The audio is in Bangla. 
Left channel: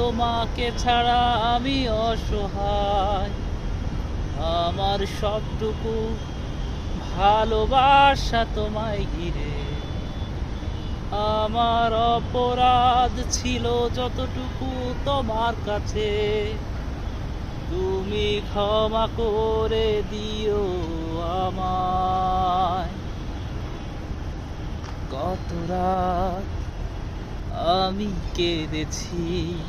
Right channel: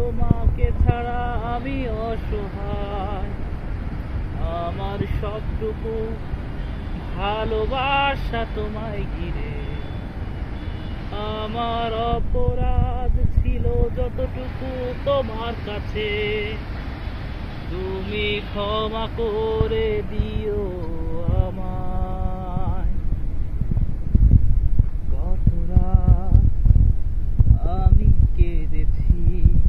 তোমাকে ছাড়া আমি অসহায়। আমার সবটুকু ভালোবাসা তোমায় ঘিরে। আমার অপরাধ ছিল যতটুকু তোমার কাছে, তুমি ক্ষমা করে দিও আমায়। কত রাত আমি কেঁদেছি।